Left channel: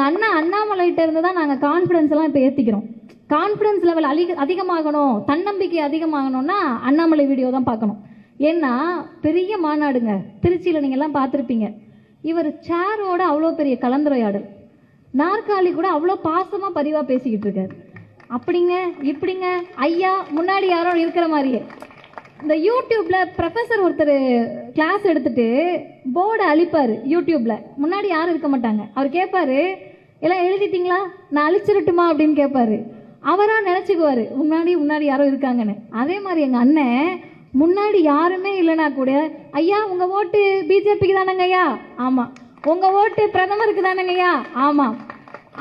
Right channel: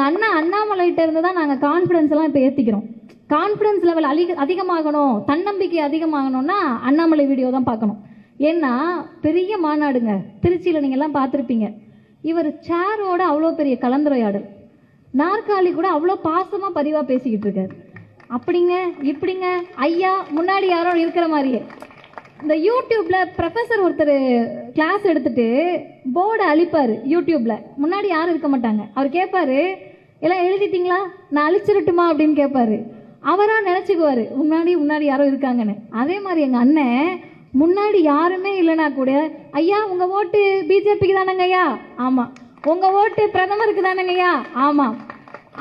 எங்கள் அண்ணா அண்ணாமலைகிட்ட இருந்து தான் நாங்கள் கான்ஃபிடன்ஸ் எல்லாம் இப்போ ஏற்றிக்கிறோம் கான்ஃபிடன்ஸ் லெவல் அதிக அதிகமாகணும் தன்னம்பிக்கை அதிகமாகணும்னா அண்ணாமலை வீடியோ தான் பார்க்கணும். ஏன்னா பெரிய மாநாடுங்க. திருச்சியில் நீங்கள்லாம் பார்த்துருப்பீங்க. இவர் சேரோட அவ்வளோ பெரிய கலந்துரையாடல். நாற்காலி கூட அவ்வளோ பாசமாக பதிவாக பேசிக்கிட்டு இருக்காரு. அப்படிங்க இப்படிங்க ஐயா முன்னாடி யாரோ இருக்கிற மாதிரியே. இந்த யூடியூப்ல ப்ரொஃபஸர் ஒருத்தர் கிளாஸ் எடுத்துட்டு போர்டை அழிப்பார் யூடியூப்ல. முன்னாடி யாரும் இருக்க மாட்டாங்க. அவர் கேட்பாரு எல்லாம் எழுதிட்டீங்களா? நான் அழிச்சிடட்டுமா அப்படின்னு கேட்பாரு அவரா நினச்சிக்குவாரு. முன்னாடி முன்னாடி யாரோ இருக்காங்கன்னு. அதே மாதிரி எங்கள் அண்ணன் முன்னாடி யாருமே இல்லைனா கூட ஐயா உங்கள் ஓட்டு பிஜேபிக்கு தானங்க ஐயா? ஆமாம் உங்கள் ஓட்டு பிரதமருக்கு தானங்க ஐயா? ஆமாம்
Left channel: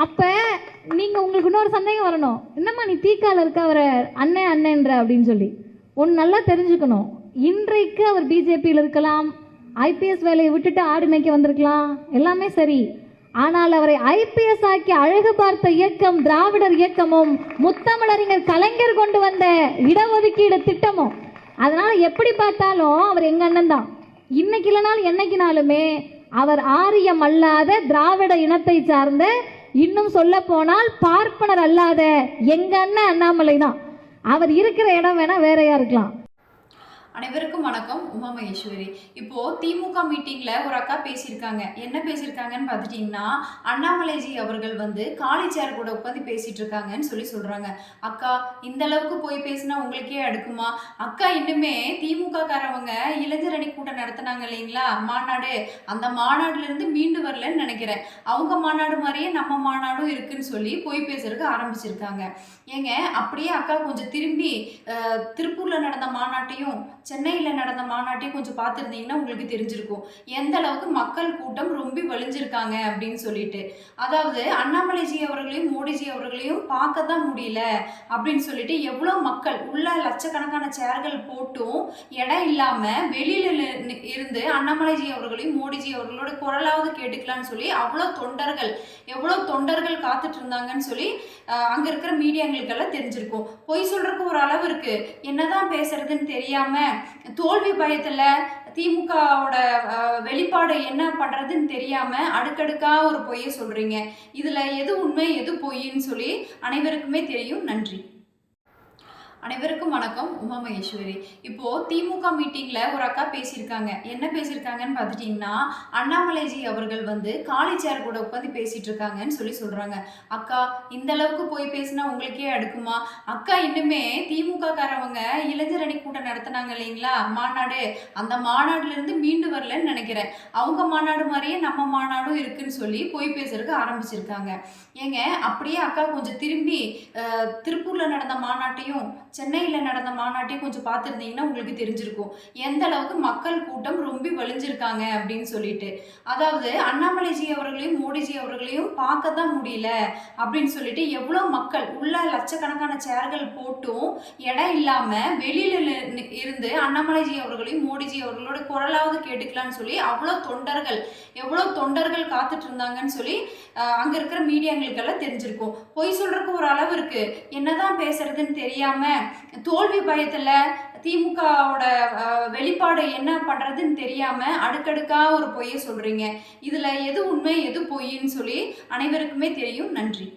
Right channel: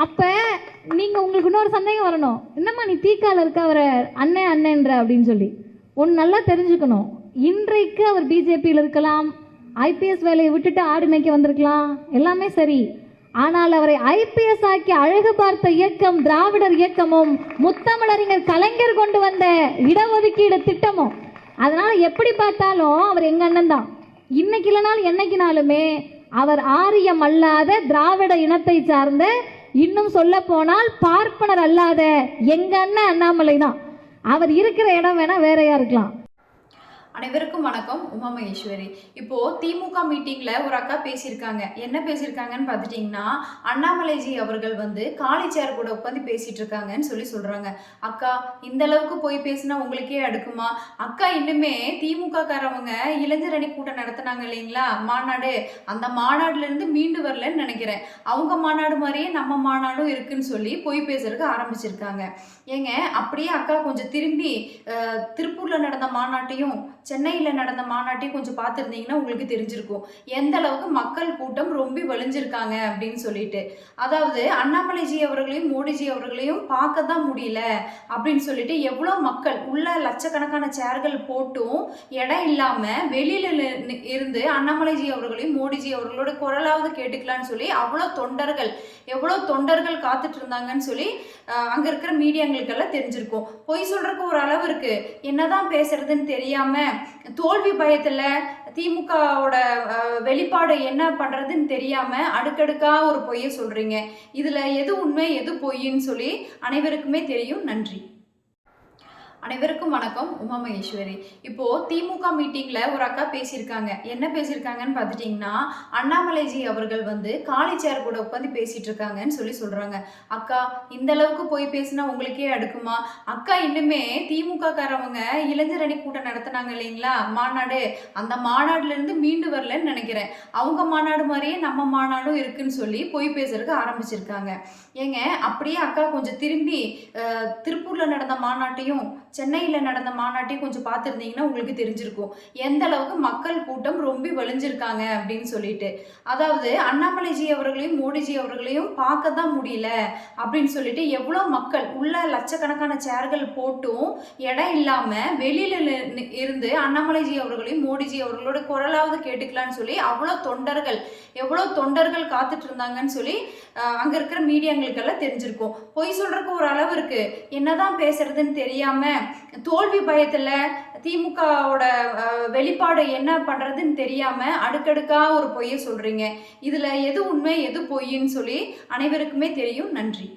அப்போ நீங்கள் உங்களுக்கு இன்னொரு சந்தேகம் வரணும். என்னம்மா நீ தீக்கால இருக்க அவரை அண்ணன் அண்ணன்ற அப்படின்னு சொல்லி. ஒன்று நல்லா தெரிஞ்சுக்கணும். இன்றைக்கு அவர் பிஜேபியில் இருக்கலாம் ஐபிஎஸ் வேலையை விட்டுட்டு ஆடு மேய்க்க வந்திருக்கலாம். எல்லாமே சரி. ஆனால் அவரை ஐபிஎஸ் ஆக்கி அழகு பார்த்த இயக்கம் திராவிடர் இயக்கமும் முத்தமிழறிஞர் கலைஞர் கொண்டு வந்த இடஒதுக்கீடு திட்டமும். அதனால எப்படி பார்த்தாலும் அவர் எங்க அண்ணன் தான். இன்னைக்கு இல்லைனாலும் என்னைக்குனாலுமே அவர் ஆரியம் அல்லாத திராவிட இனத்தை சார்ந்த இன்னும் சொல்ல போனால் பார்ப்பனர் அல்லாத எங்க அண்ணன் அண்ணாமலை தான். அவர் இருக்கிற இடம் வேணா வேறையா இருக்கலாம். அனைவருக்கும் வணக்கம். உமா மகேஸ்வரி. இப்போ திமுக மீட்டிங்ல ஒரு அக்கா பேசியிருக்காங்க. என்ன பேசியிருக்காங்கன்னு பார்த்துட்டிங்கன்னா அண்ணாமலைஜி அவர்கள் வந்து காலி சேர் கூட உட்காந்து பேசிட்டு இருக்காங்கன்னு சொல்லி சொல்றாங்க. அக்கா இந்த அளவுக்கு போய் பேசினா உங்களுக்கே அடுக்குமா? அக்கா இன்னுமே திமுக காரவங்க இளைஞர் அணி கூட்டம் நடத்தினாங்க இல்லைங்களா? மாநாடு. அந்த மாநாடுல இருந்து மீண்டு வரலன்னு நினைக்கிறேன். அவங்க மாநாடு மாதிரியே நம்ம மாநாடும் இருக்குன்னு சொல்லி பொய் பேசுறதுக்கு ஆரம்பிச்சிருக்காங்க. ஏங்க அப்படியே அக்கா கொஞ்சம் திரும்பி திருப்பூரில் திருப்பூர்ல நடந்த மாநாட்டையும் சென்னையில் நடந்த மாநாட்டையும் கொஞ்சம் பார்த்துருந்தீங்கன்னா உங்களுக்கு தெரிஞ்சிருக்கும். எந்த அளவுக்கு மக்கள் கூட்டம் ரொம்ப வலிஞ்சிருக்காங்க அப்படின்னு சொல்லிட்டு. அதாவது அண்ணாமலைஜி அவர்களையும் மோடிஜி அவர்களையும் பார்க்க தான் முடியல அப்படின்னு சொல்லிட்டு எவ்வளோ மக்கள் உள்ள லட்சக்கணக்கான சேர்கள் போட்டும் இடம் இல்லாமல் வெளியில இருந்து அண்ணாமலைஜி அவர்களையும் மோடிஜி அவர்களோட குரலாவது கேட்டுக்கலான்னு சொல்லி அவ்வளோ தொண்டர்கள் எவ்வளோ தொண்டர்கள் காத்துட்டு இருந்தாங்கன்னு சொல்லி அங்கே இருக்கிற மீடியாங்களுக்கெல்லாம் தெரிஞ்சிருக்கும். பொய் சொல்றதுக்கு ஒரு அளவு இருக்கு. என்னதான் பேசுறதுன்னு தெரியாமல் தோல்வி பயத்தில் திமுகவோட வெளிப்பாடு என்ன பண்ணுறதுன்னு தெரியாமல் அடுக்கடுக்காக ஒரு பொய்யை சொல்கிறீங்க இதில் எது உண்மை எது பொய்ன்னு சொல்லி அனைவருக்குமே தெரியும். நன்றி. அனைவருக்கும் வணக்கம். உமா மகேஸ்வரி. இப்போ திமுக மீட்டிங்ல ஒரு அக்கா பேசியிருக்காங்க. என்ன பேசியிருக்காங்கன்னு பார்த்துட்டிங்கன்னா அண்ணாமலைஜி அவர்கள் வந்து காலி சேர் கூட உட்காந்து பேசிட்டு இருக்காங்கன்னு சொல்லி சொல்றாங்க. அக்கா இந்த அளவுக்கு போய் பேசினா உங்களுக்கே அடுக்குமா? அக்கா இன்னுமே திமுக காரவங்க இளைஞர் அணி கூட்டம் நடத்தினாங்க இல்லைங்களா? மாநாடு. அந்த மாநாடுல இருந்து மீண்டு வரலன்னு நினைக்கிறேன். அவங்க மாநாடு மாதிரியே நம்ம மாநாடும் இருக்குன்னு சொல்லி பொய் பேசுறதுக்கு ஆரம்பிச்சிருக்காங்க. ஏங்க அப்படியே அக்கா கொஞ்சம் திரும்பி திருப்பூரில் திருப்பூர்ல நடந்த மாநாட்டையும் சென்னையில் நடந்த மாநாட்டையும் கொஞ்சம் பார்த்துருந்தீங்கன்னா உங்களுக்கு தெரிஞ்சிருக்கும். எந்த அளவுக்கு மக்கள் கூட்டம் ரொம்ப வலிஞ்சிருக்காங்க அப்படின்னு சொல்லிட்டு. அதாவது அண்ணாமலைஜி அவர்களையும் மோடிஜி அவர்களையும் பார்க்க தான் முடியல அப்படின்னு சொல்லிட்டு எவ்வளோ மக்கள் உள்ள லட்சக்கணக்கான சேர்கள் போட்டும் இடம் இல்லாமல் வெளியில இருந்து அண்ணாமலைஜி அவர்களையும் மோடிஜி அவர்களோட குரலாவது கேட்டுக்கலாம்னு சொல்லி அவ்வளோ தொண்டர்கள் எவ்வளோ தொண்டர்கள் காத்துட்டு இருந்தாங்கன்னு சொல்லி அங்கே இருக்கிற மீடியாங்களுக்கெல்லாம் தெரிஞ்சிருக்கும். பொய் சொல்கிறக்கு ஒரு அளவு இருக்குது என்னதான் பேசுறதுன்னு தெரியாமல் தோல்வி பயத்தில் திமுகவோட வெளிப்பாடு என்ன பண்ணுறதுன்னு தெரியாமல் அடுக்கடுக்காக ஒரு பொய்யை சொல்கிறீங்க இதில் எது உண்மை எது பொய்ன்னு சொல்லி அனைவருக்குமே தெரியும். நன்றி.